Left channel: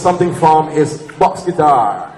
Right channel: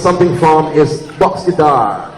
something from his box guitar.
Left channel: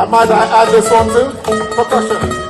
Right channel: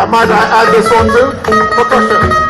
And might I add this one too? Percussion.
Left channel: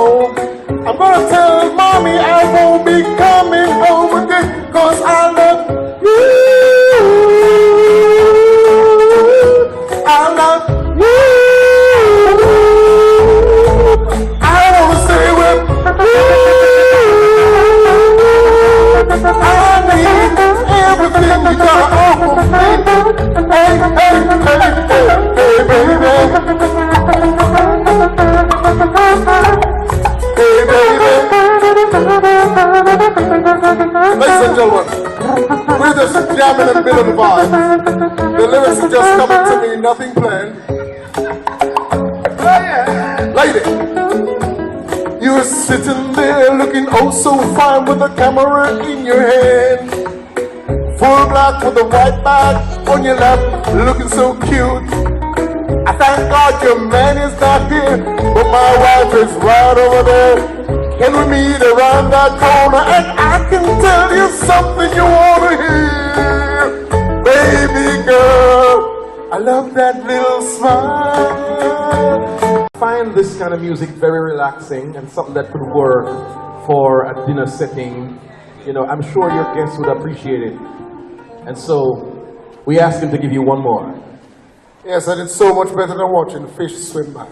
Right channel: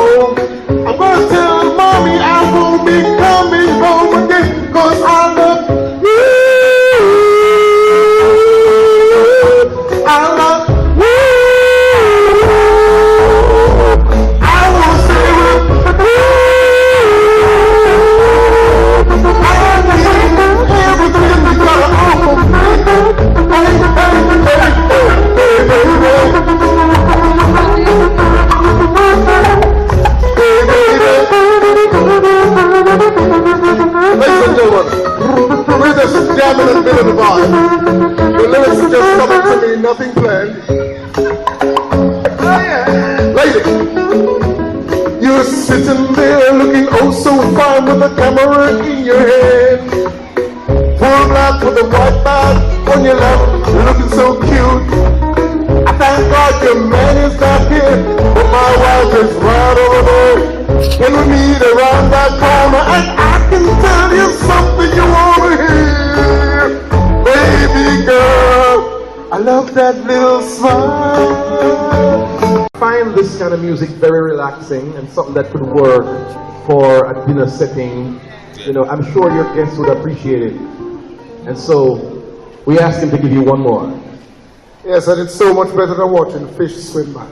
home. I'm gonna tell mommy I won't be coming home again, 'cause I love you. I love you. I won't say what I need everything you gotta offer me. Ladies and gentlemen, we're just jamming and feeling the vibe. The lyrics are just coming to me, nothing planned. Oh yeah. Lady, you're sitting there looking oh so fine with a camera in your hand. Full black with a white bag on your lap, looking so cute. I thank God your man is not here, but my wife is right over there. And we meet around that corner, and I can tell you something you wanna hear. Baby girl, I love that little smile. I find this kind of music very relaxing and something that could work for a dinner setting. You know, I'm sure your guests would appreciate it. And so, we asked him to give you one more. Yes, and it's so much better than watching fish swim by.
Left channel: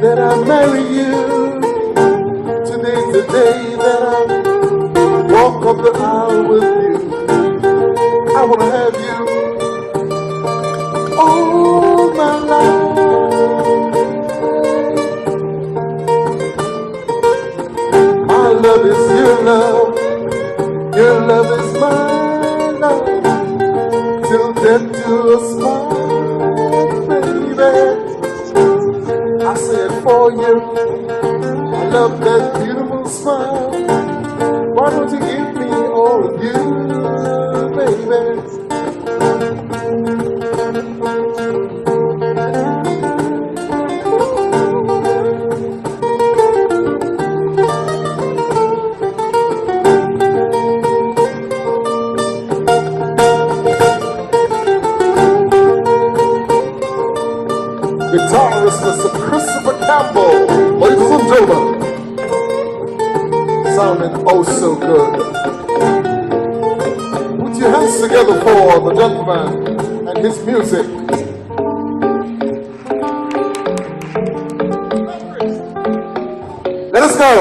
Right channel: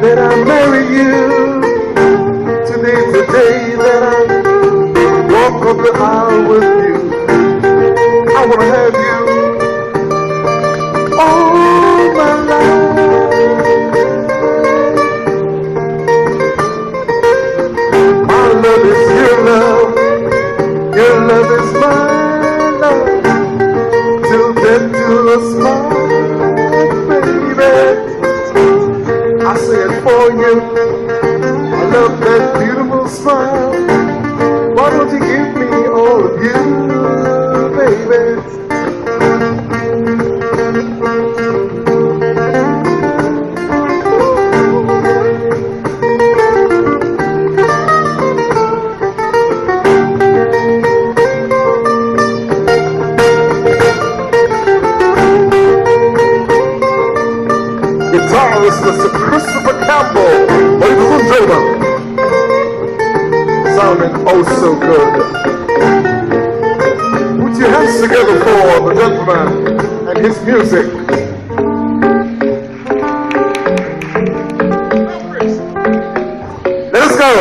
That I marry you. Today's the day that I walk up the aisle with you. I wanna have you all my life. My love is your love is my love. Till death do us part, baby. I say it for you. I love that beautiful smile. Why don't you give me all of you, baby? Guitarist Mr. Christopher Campbell, ladies and gentlemen, sounding oh so good. Put your hands together for the gentleman and his music. Let us go.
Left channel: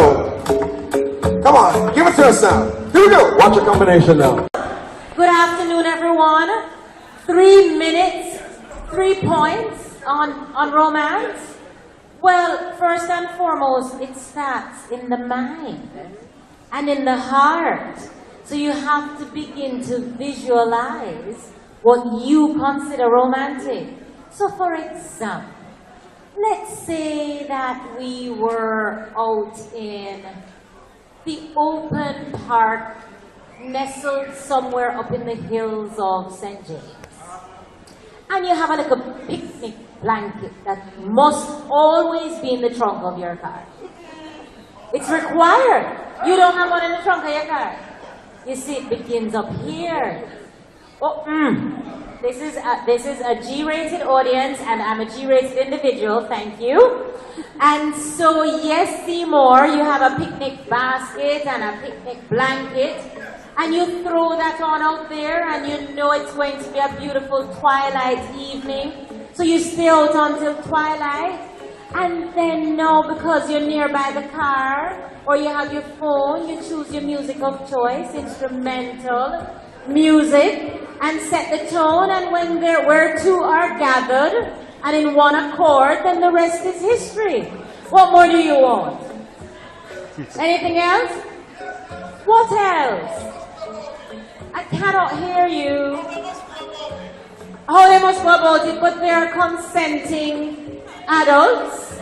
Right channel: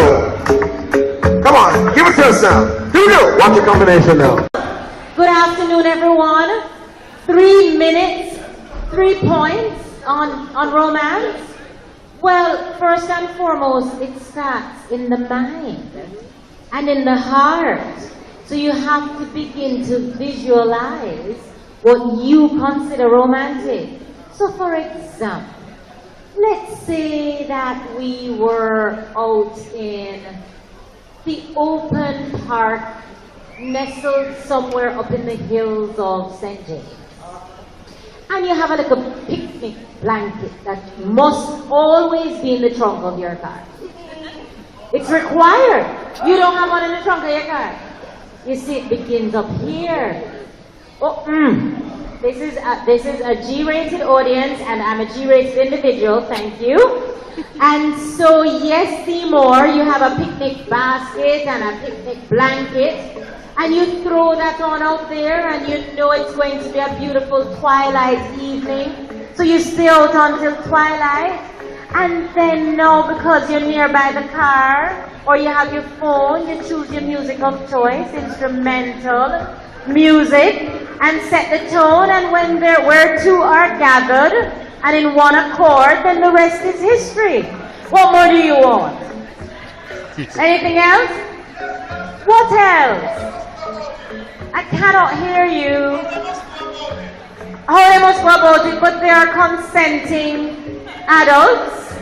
Come on, give it to us now. Here we go. Watch your combination now. Good afternoon, everyone. 3 minutes, 3 points on romance. Well, first and foremost, it starts in the mind and in the heart. So you have to begin to visualize what you consider romantic. So for example, let's say that we were out in the open park, nestled somewhere up in the hills of St. James. And you have a little picnic blanket that must always be in the trunk of your car. It's required. You don't have one in the trunk of your car. You see, it begins up here. Oh, This is a G-rated audience, and I'm a G-rated individual. Thank you. And so, yes, Seymour, you have a picnic basket and a picnic blanket, and you throw that on out there, and you know it's going to be a beautiful twilight evening. So you stay out until twilight, and then now, because you're nearby the car, or you have your phone, you choose your music of choice, instrumental music, and set the tone, and when where two are gathered and in one accord, then the rest is history. What more do you want? Anything else? What else? I cannot hear you. Oh, they must go about it, but they are consenting adults,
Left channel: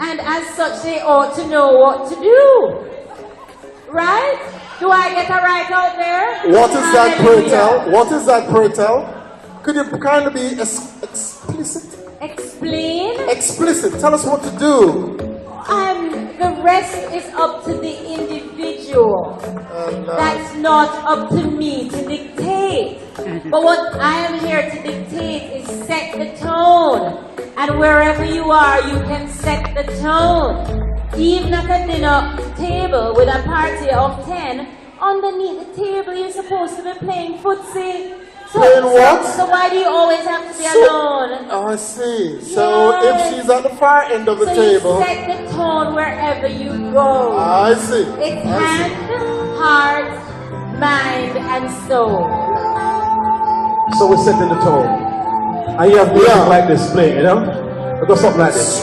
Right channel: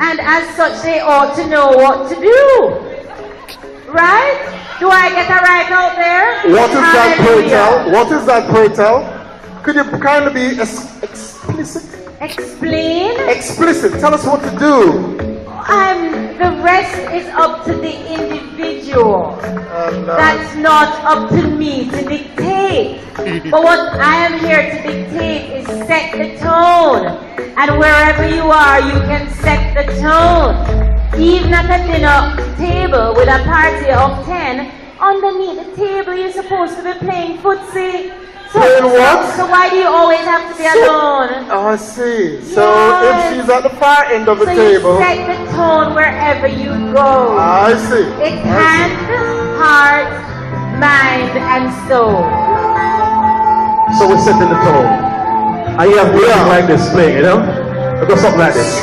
and as such they ought to know what to do. Right? Do I get that right out there? What is that, pray tell? What is that, pray tell? Could you kind of be explicit? Explain? Explicit. Tell us what to do. The rest is up to the individual. That's not up to me to dictate. But what I am here to dictate is set the tone. And wherever you are, you can set the tone. Even at a dinner table with a party of 10, underneath the table you're supposed to be playing footsie. Playing what? So why do you always have to be alone? Oh, I see. So Yes. if she's at the far end of the So table. you set the tone wherever you go. I see. It's I hand, heart, mind, and soul. So we're setting the tone. And you have music like this playing, you know? It goes something like this.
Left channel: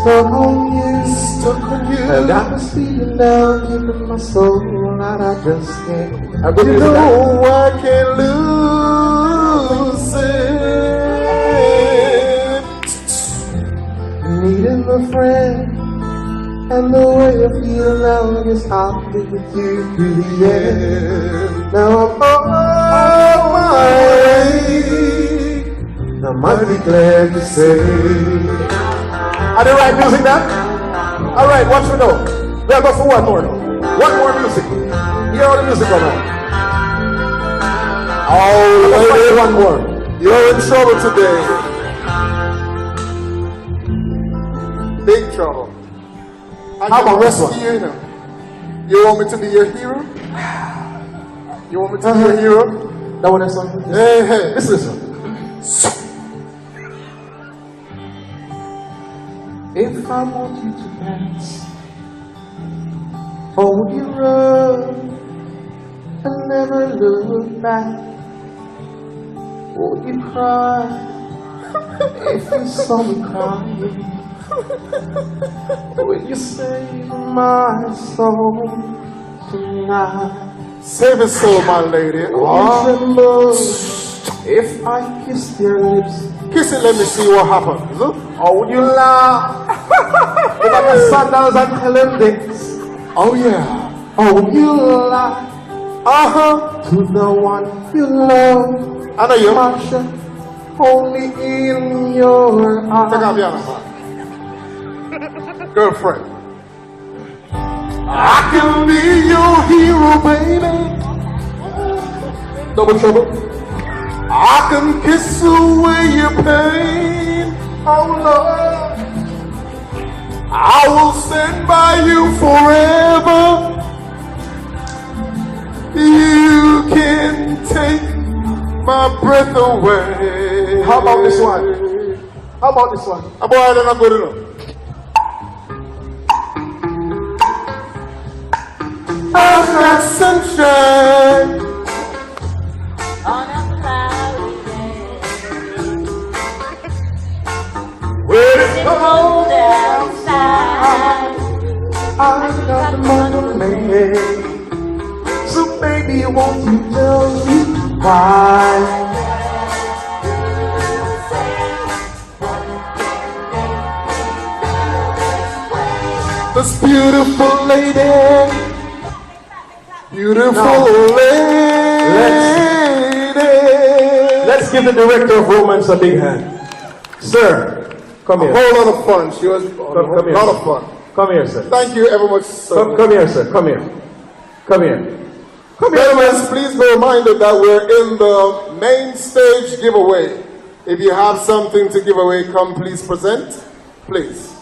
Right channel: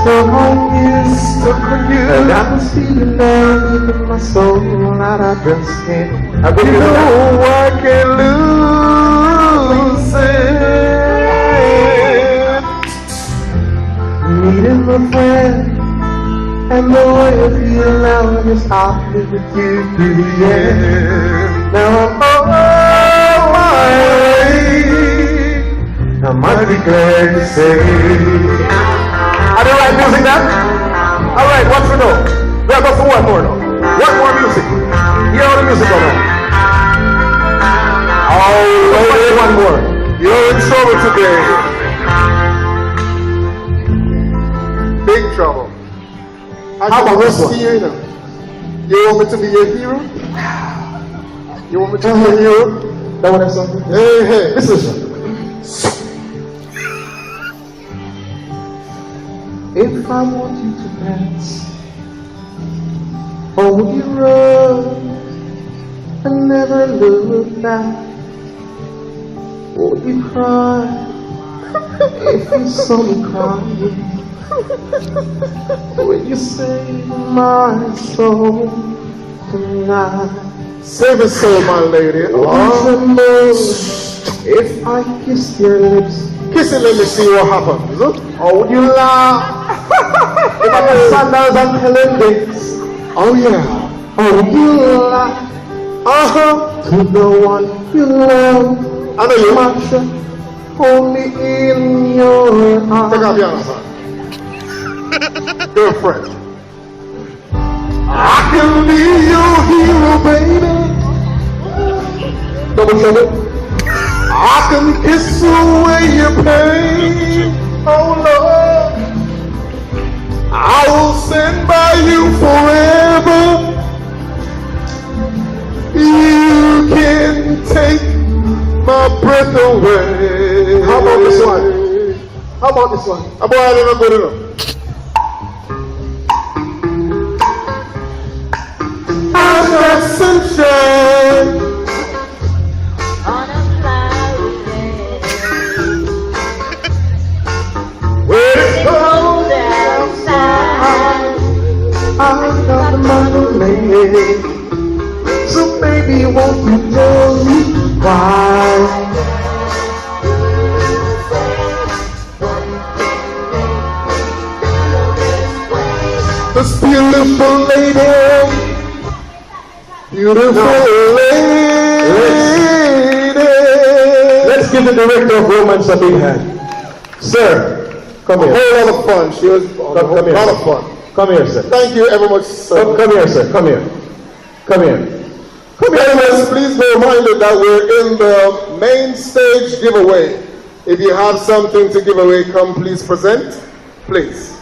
Stuck on you, Stuck on you. and I was feeling there deep in my soul, and I just can't. I really No, know. I can't lose it. Meeting my friend, and the way I feel now is I'll be with you through the end. Now I'm on my way. I might be glad to say. I don't like music now. All right, what you know? We have got for one more now. One more music. Hear all the music on now. Oh, lady, One more. you're in trouble today. Big trouble. How about this one? You want me to be your hero? You want me to be your hero? That what I said? Hey, hey. Listen. If I want you to dance, or would you run and never look back? Or would you cry if you saw me crying? Would you save my soul tonight? Save his soul, my lady. Oh, Oh, no. If I kissed your lips, kiss it, let me see what happens. Look. or would you laugh? If I got sundown and killing days, Oh, yeah. or would you laugh Uh-huh. to the one you love? I know you. Watch it only in your Take out eyes. the other side. Girlfriend. I can be your hero, baby. Double trouble. I can kiss away your pain. Oh, Lord. I will stand by you forever. You can take my breath away. How about this one? How about this one? About it, I'm good enough. I've got sunshine. On a cloudy day, Well, cold outside. I've got the money, so baby, won't you tell me why? beautiful lady, beautiful lady. Let's give the director of Romance a big hand. Sir, come A here. whole lot of fun. She was a Come here. lot of fun. Come here, sir. Thank you very much, sir. Come here, sir. Come here. Come here. Gentlemen, please be reminded that we're in the main stage giveaway. If you have something to give away, come please present. Please.